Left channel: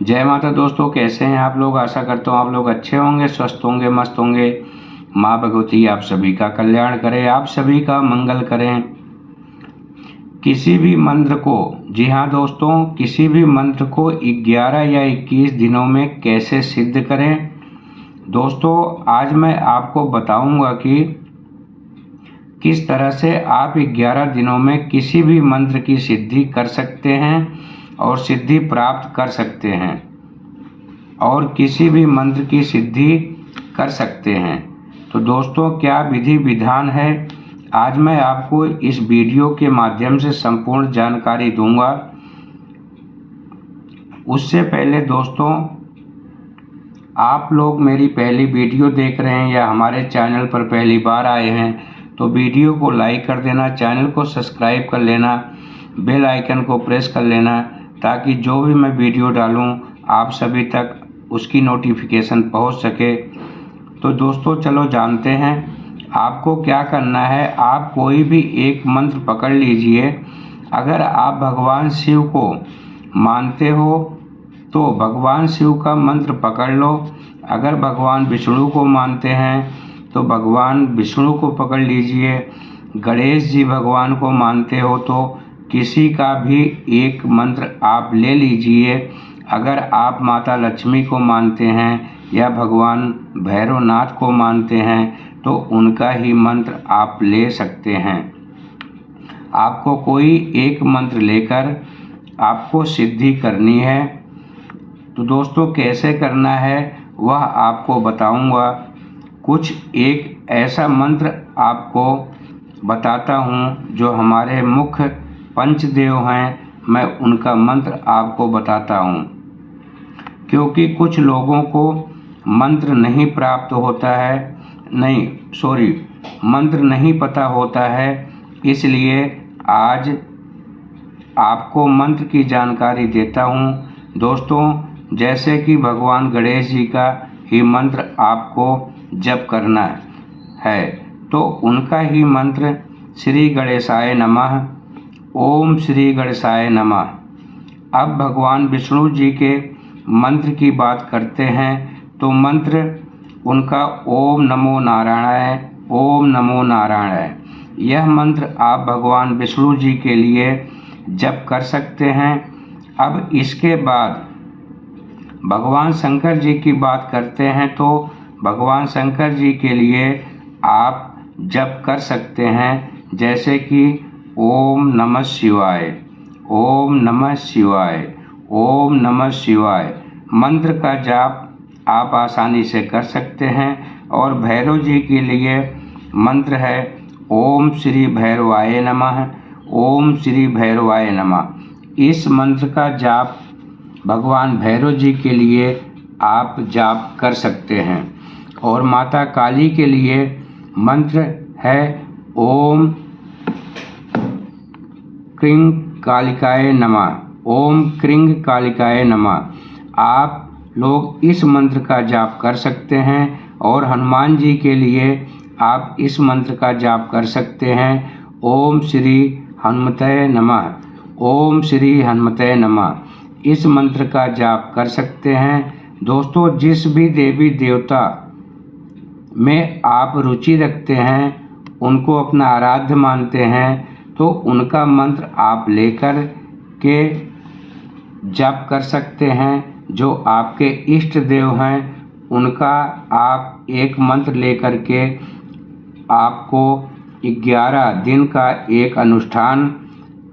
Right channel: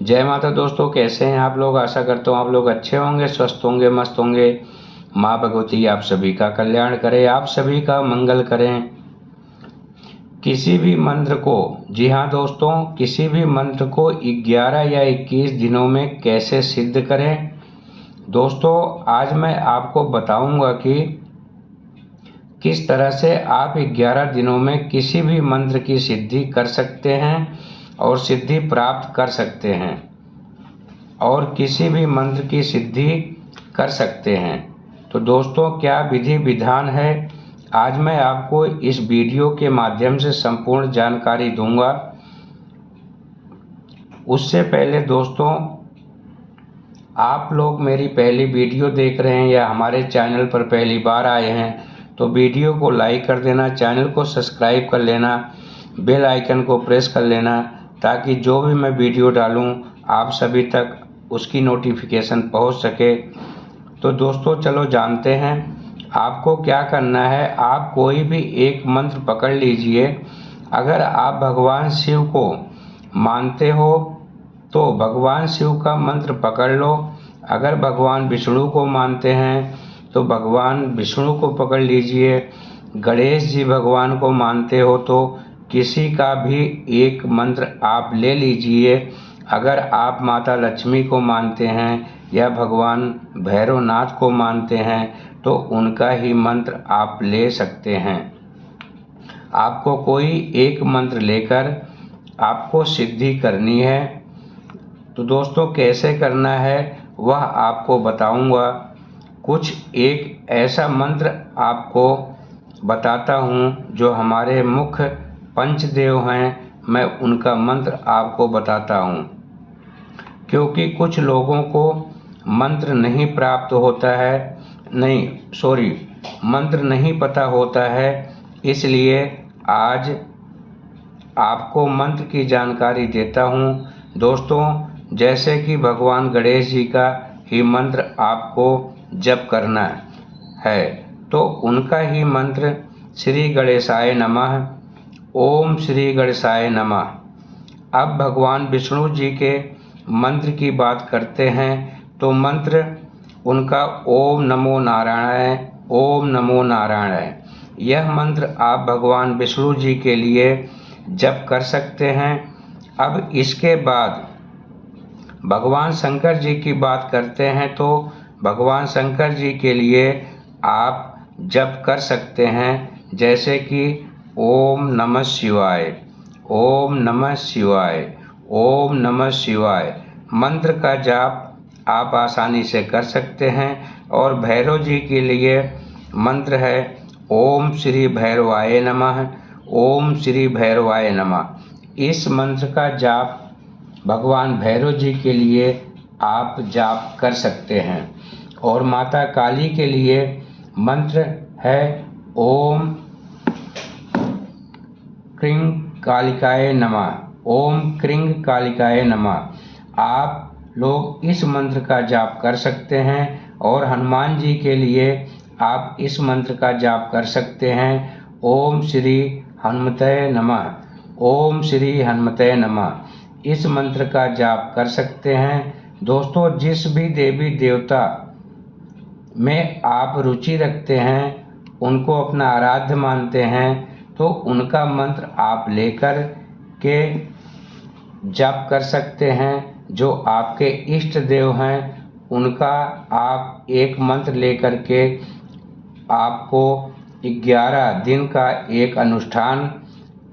जय माता दोस्तों, कैसे हैं आप लोग। आशा करता हूँ आप लोग अच्छे होंगे, स्वस्थ होंगे, मस्त होंगे। माँ भगवती आप सभी का कल्याण करें, आप सभी का मंगल करें। किसी भी मंत्र को, जी हाँ दोस्तों, किसी भी मंत्र को 11 या 21 दिनों में कैसे सिद्ध करें। दोस्तों आज मैं आपको बताऊंगा कि किस तरह से आप 11 दिनों में किसी भी मंत्र की सिद्धि कर सकते हैं और सिद्धि प्राप्त कर सकते हैं और किसी भी मंत्र की सिद्धि कर सकते हैं। तो दोस्तों क्या विधि विधान है, आज मैं आपको इस वीडियो के माध्यम से संपूर्ण जानकारी दूंगा। उससे पहले दोस्तों, आप लोग मेरी पहली वीडियो देख रहे हैं या हमारे चैनल पर पहली बार आए हैं तो वीडियो को लाइक कर देना, चैनल को सब्सक्राइब कर लेना, बेल आइकन को प्रेस कर लेना, ताकि जो भी मैं वीडियो डालूं आप सभी तक उसकी नोटिफिकेशन पहुंच सके। तो दोस्तों चलो जानते हैं आपको क्या करना है। आप कोई भी एक मंत्र पकड़ लीजिए। अगर आप भगवान शिव को मानते हो तो भगवान शिव का मंत्र पकड़ लो। अगर भगवान विष्णु को मानते हैं तो भगवान विष्णु को पकड़ लीजिए। गणेश जी भगवान को मानते हो तो किसी का भी एक मंत्र आप ले लीजिए। अगर आप माता लक्ष्मी को मानते हैं या भगवान भैरवनाथ को मानते हैं तो उनका ही मंत्र आप ले सकते हैं। आपको कोई एक मंत्र लेकर आपको सिद्धि करनी है। तो दोस्तों कैसे करना है वह आपको बताऊंगा। कुछ एक ऐसा मंत्र आपको बताता हूं जो हमारे मुख्य पंचदेव हैं, मैं उनका मंत्र आपको बताता हूं। क्योंकि कुछ लोगों को मंत्र नहीं प्राप्त होता है, मंत्र नहीं पता होता है, इसलिए आज आपको मंत्र की जानकारी देता हूं। दोस्तों जैसे कि भगवान गणेश जी का ही मंत्र आपको जप करना है तो उनका ही मंत्र श्री गणेशाय नमः, ओम श्री गणेशाय नमः। अब भगवान विष्णु जी के मंत्र की बात करते हैं तो मंत्र उनका ओम नमो नारायणाय, ओम नमो नारायणाय। यह मंत्र आप भगवान विष्णु जी के लिए जप कर सकते हैं। अब इसके बाद भगवान शंकर जी की बात करते हैं तो भगवान शंकर जी के लिए आप जप कर सकते हैं, जैसे कि ओम नमः शिवाय, ओम नमः शिवाय, ओम नमः शिवाय। मंत्र का जाप आप आसानी से कर सकते हैं। और भैरव जी के लिए मंत्र है ओम श्री भैरवाय नमः, ओम श्री भैरवाय नमः। इस मंत्र का जाप भगवान भैरव जी के लिए आप जाप कर सकते हैं। और माता काली के लिए मंत्र है ओम क्रीं कालिकाय नमः, ओम क्रीं कालिकाय नमः। आप लोग इस मंत्र का जाप कर सकते हैं। और हनुमान जी के लिए आप इस मंत्र का जाप कर सकते हैं ओम श्री हनुमते नमः, ओम श्री हनुमते नमः। इस मंत्र का जाप कर सकते हैं। दोस्तों जिस भी देवी देवता में आप रुचि रखते हैं, उनको अपना आराध्य मानते हैं, तो उनका मंत्र आप लेकर के जप कर सकते हैं। जो आपके इष्ट देव हैं उनका आप एक मंत्र लेकर के आपको 11 दिन का एक अनुष्ठान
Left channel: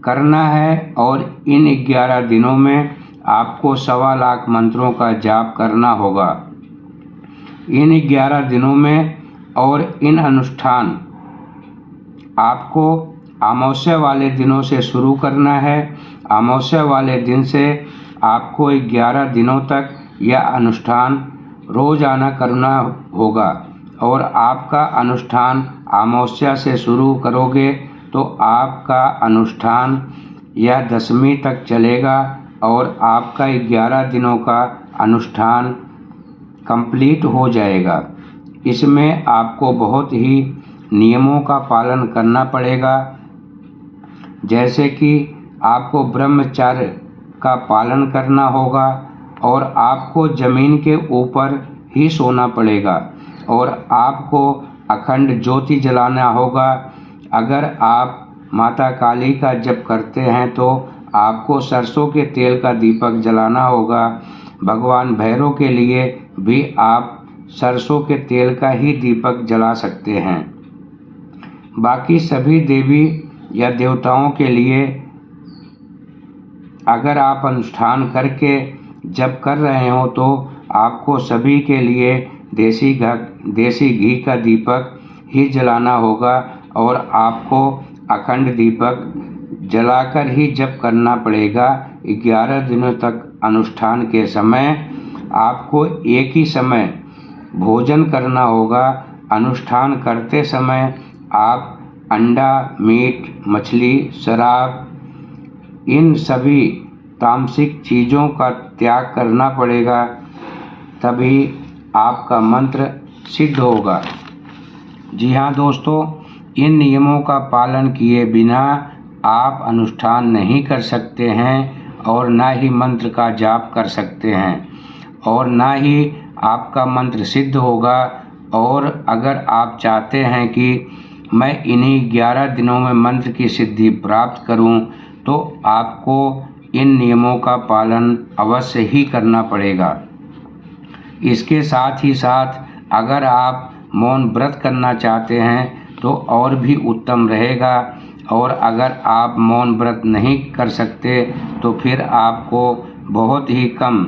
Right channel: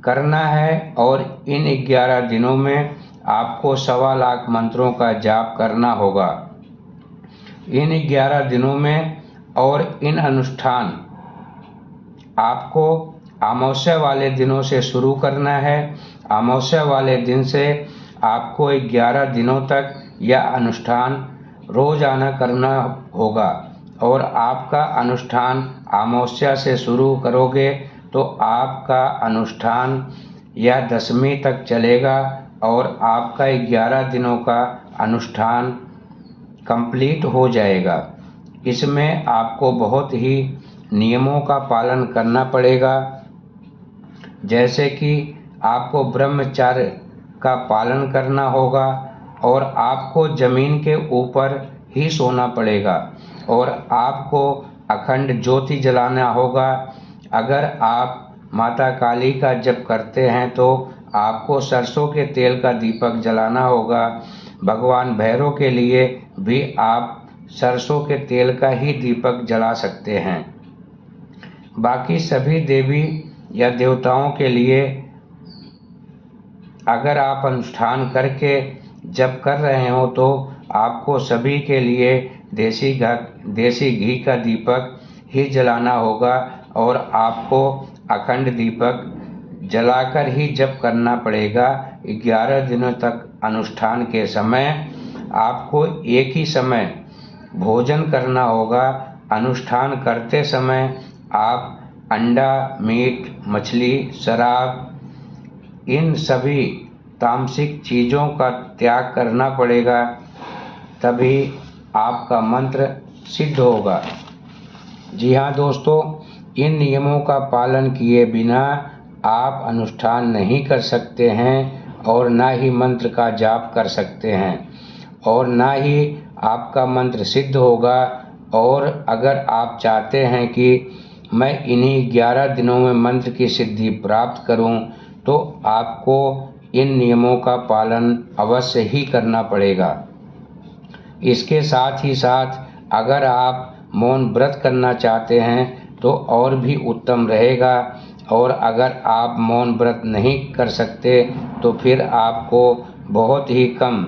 करना है। और इन 11 दिनों में आपको 1.25 लाख मंत्रों का जाप करना होगा इन 11 दिनों में। और इन अनुष्ठान आपको अमावस्या वाले दिनों से शुरू करना है। अमावस्या वाले दिन से आपको 11 दिनों तक यह अनुष्ठान रोजाना करना होगा। और आपका अनुष्ठान अमावस्या से शुरू करोगे तो आपका अनुष्ठान यह 10वीं तक चलेगा और आपका 11 दिनों का अनुष्ठान कंप्लीट हो जाएगा। इसमें आपको बहुत ही नियमों का पालन करना पड़ेगा, जैसे कि आपको ब्रह्मचर्य का पालन करना होगा और आपको ज़मीन के ऊपर ही सोना पड़ेगा और आपको अखंड ज्योति जलाना होगा। अगर आप माता काली का जप करते हैं तो आपको सरसों के तेल का दीपक जलाना होगा। भगवान भैरव के लिए भी आप सरसों के तेल का ही दीपक जला सकते हैं। बाकी सभी देवी या देवताओं के लिए अगर आप अनुष्ठान करके जप कर रहे हो तो आपको सभी के लिए देसी घी का दीपक ही जलाना होगा और आपको अखंड दीपक जलाकर ही जप करना पड़ेगा। 11 दिनों तक अनुष्ठान के समय आपको एक ही समय भोजन करना होगा। अनुष्ठान करते समय आप अंडा, मीट, मछली, शराब इन सभी तामसिक चीज़ों का त्याग करना पड़ेगा, तभी आपका मंत्र सिद्ध होगा। जी हाँ दोस्तों, इन नियमों का पालन किए बिना आप अनुष्ठान नहीं कर सकते हैं और ना ही मंत्र का जाप कर सकते हैं और ना ही आपका मंत्र सिद्ध होगा। और अगर आप चाहते हैं कि मैं इन्हीं 11 दिनों में मंत्र की सिद्धि प्राप्त करूं, तो आपको इन नियमों का पालन अवश्य ही करना पड़ेगा। इसके साथ ही साथ अगर आप मौन व्रत करना चाहते हैं तो और भी उत्तम रहेगा। और अगर आप मौन व्रत नहीं कर सकते तो फिर आपको बहुत ही कम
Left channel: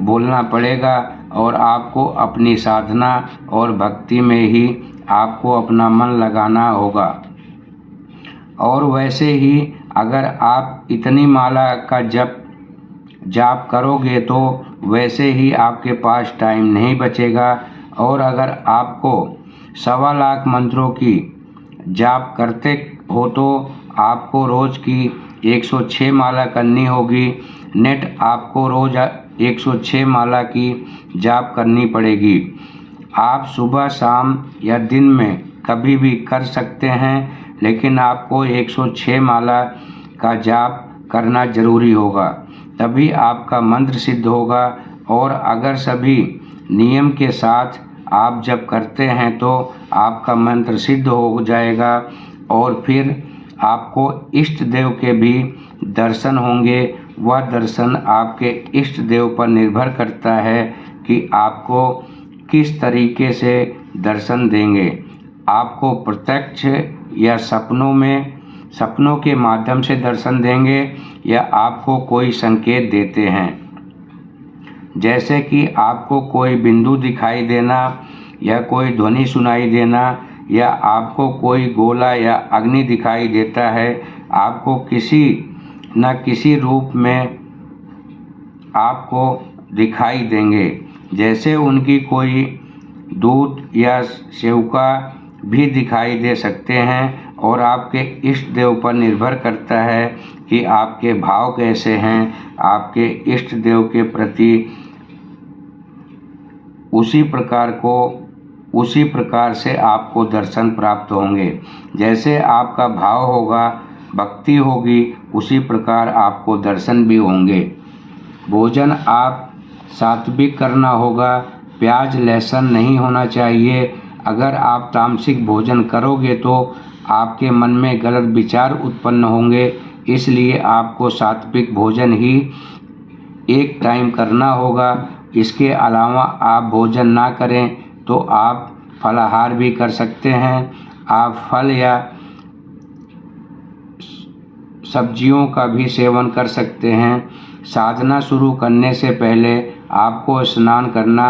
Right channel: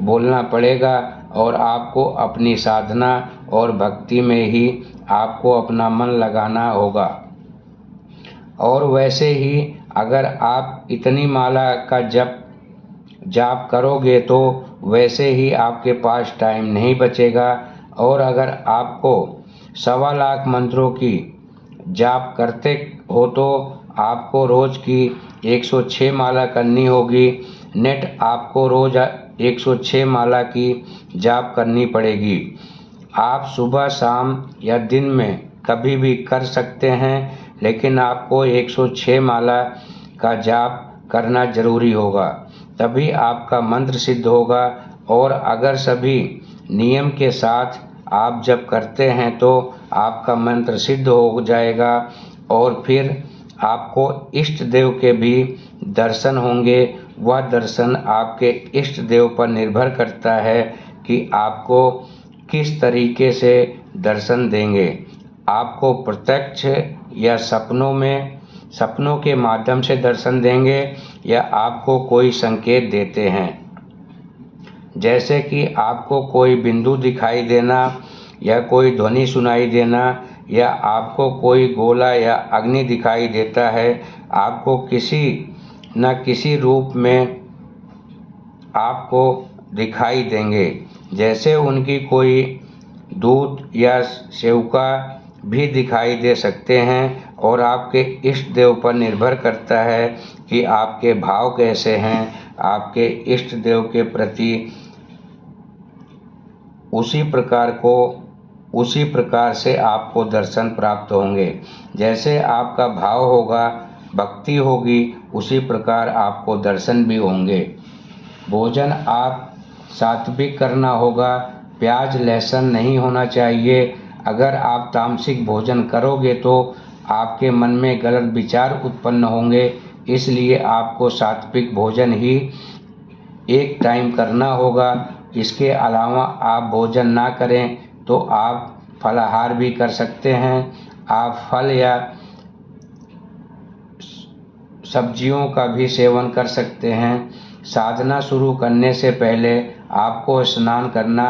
बोलना पड़ेगा और आपको अपनी साधना और भक्ति में ही आपको अपना मन लगाना होगा। और वैसे ही अगर आप इतनी माला का जाप करोगे तो वैसे ही आपके पास टाइम नहीं बचेगा। और अगर आपको 1.25 लाख मंत्रों की जाप करते हो तो आपको रोज़ की 106 माला करनी होगी। नेट आपको रोज़ 106 माला की जाप करनी पड़ेगी। आप सुबह, शाम या दिन में कभी भी कर सकते हैं, लेकिन आपको 106 माला का जाप करना जरूरी होगा, तभी आपका मंत्र सिद्ध होगा। और अगर सभी नियम के साथ आप जप करते हैं तो आपका मंत्र सिद्ध हो जाएगा और फिर आपको इष्ट देव के भी दर्शन होंगे। वह दर्शन आपके इष्ट देव पर निर्भर करता है कि आपको किस तरीके से दर्शन देंगे। आपको प्रत्यक्ष या सपनों के माध्यम से दर्शन देंगे या आपको कोई संकेत देते हैं, जैसे कि आपको कोई बिंदु दिखाई देना या कोई ध्वनि सुनाई देना या आपको कोई गोला या अग्नि दिखाई देता है। आपको किसी न किसी रूप में आपको दिखाई देंगे, जैसे उनकी कोई दूत या सेवका भी दिखाई दे सकते हैं। और आपके इष्ट देव पर निर्भर करता है कि आपके भाव कैसे हैं। आपके इष्ट देव के प्रति उसी प्रकार से आपको दर्शन प्राप्त होंगे। जैसे आपका भाव होगा, भक्ति होगी, उसी प्रकार आपको दर्शन भी होंगे। भोजन आप सात्विक करना होगा, प्याज लहसुन नहीं होना चाहिए। अगर आप तामसिक भोजन करोगे तो आपके मन में गलत विचार उत्पन्न होंगे, इसलिए आपको सात्विक भोजन ही एक टाइम करना होगा। इसके अलावा आप भोजन ना करें तो आप फलाहार भी कर सकते हैं। आप फल या सब्जियों का भी सेवन कर सकते हैं। साधना शुरू करने से पहले आपको स्नान करना,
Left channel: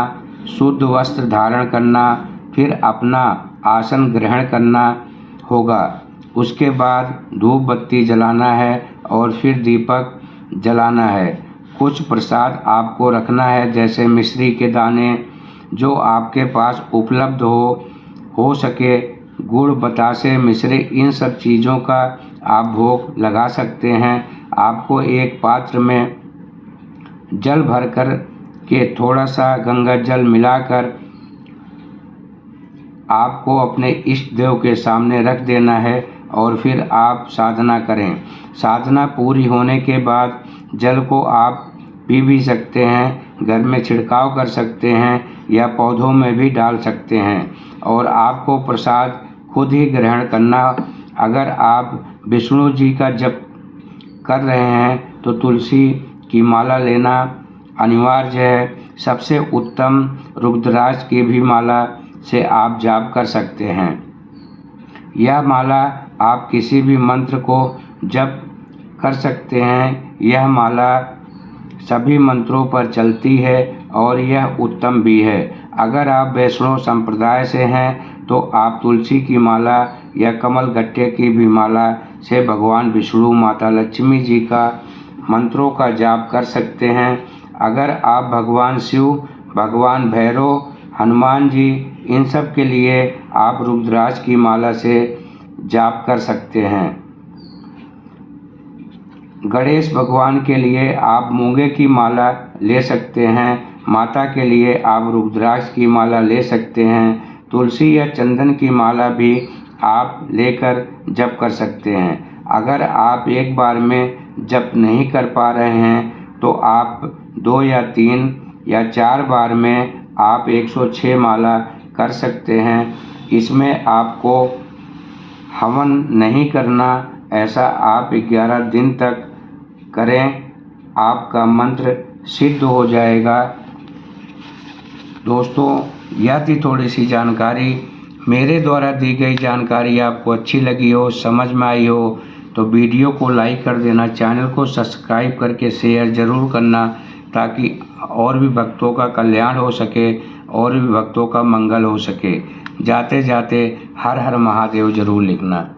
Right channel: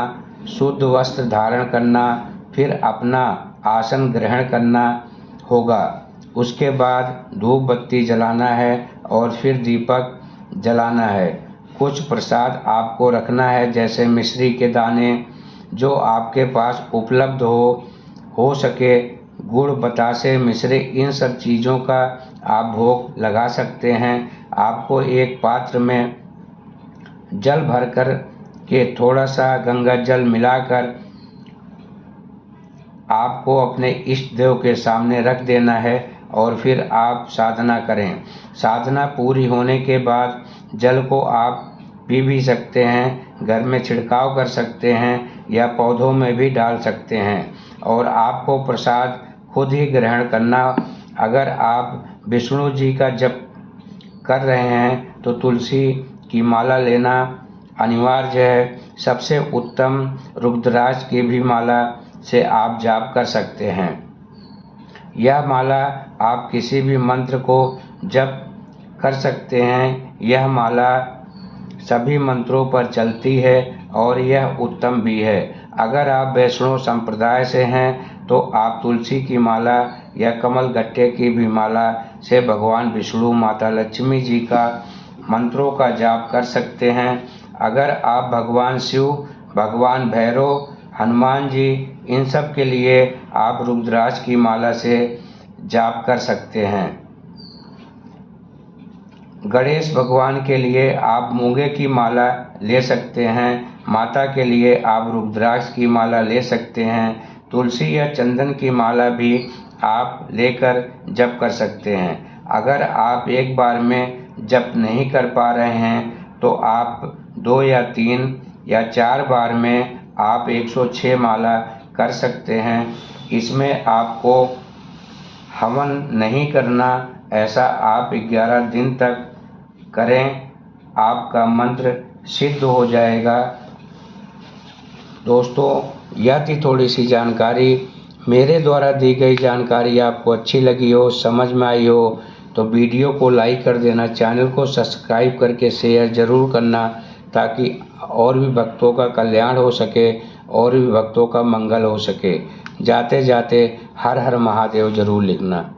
शुद्ध वस्त्र धारण करना, फिर अपना आसन ग्रहण करना होगा। उसके बाद धूप बत्ती जलाना है और फिर दीपक जलाना है। कुछ प्रसाद आपको रखना है, जैसे मिश्री के दाने, जो आपके पास उपलब्ध हो सके। गुड़, बतासे, मिश्री, इन सब चीज़ों का आप भोग लगा सकते हैं। आपको एक पात्र में जल भरकर के थोड़ा सा गंगा जल मिलाकर आपको अपने इष्ट देव के सामने रख देना है और फिर आप साधना करें। साधना पूरी होने के बाद जल को आप पी भी सकते हैं, घर में छिड़काव कर सकते हैं या पौधों में भी डाल सकते हैं। और आपको प्रसाद खुद ही ग्रहण करना। अगर आप विष्णु जी का जप कर रहे हैं तो तुलसी की माला लेना अनिवार्य है। सबसे उत्तम रुद्राक्ष की भी माला से आप जाप कर सकते हैं। यह माला आप किसी भी मंत्र को जप कर सकते हैं। यह माला सभी मंत्रों पर चलती है और यह उत्तम भी है। अगर आप वैष्णव संप्रदाय से हैं तो आप तुलसी की माला या कमल गट्टे की भी माला से भगवान विष्णु, माता लक्ष्मी जी का मंत्रों का जाप कर सकते हैं। अगर आप भगवान शिव, भगवान भैरव, हनुमान जी, इन सब के लिए आप रुद्राक्ष की माला से जाप कर सकते हैं। गणेश भगवान के लिए आप मूंगे की माला ले सकते हैं। माता के लिए आप रुद्राक्ष की माला ले सकते हैं। तुलसी या चंदन की माला भी आप लेकर जप कर सकते हैं। अगर आप एक बार में जप नहीं कर पा रहे हैं तो आप 2 या 3 या 4 बार में आप 106 माला कर सकते हैं। इसमें आपको हवन नहीं करना। ऐसा आप 11 दिन तक करें, आपका मंत्र सिद्ध हो जाएगा। दोस्तों, यह थी थोड़ी सी जानकारी। मेरे द्वारा दी गई जानकारी आपको अच्छी लगी हो, समझ में आई हो तो वीडियो को लाइक कर देना, चैनल को सब्सक्राइब करके शेयर ज़रूर करना ताकि और भी भक्तों का कल्याण हो सके और भी भक्तों का मंगल हो सके। जाते जाते हर हर महादेव ज़रूर लिखना।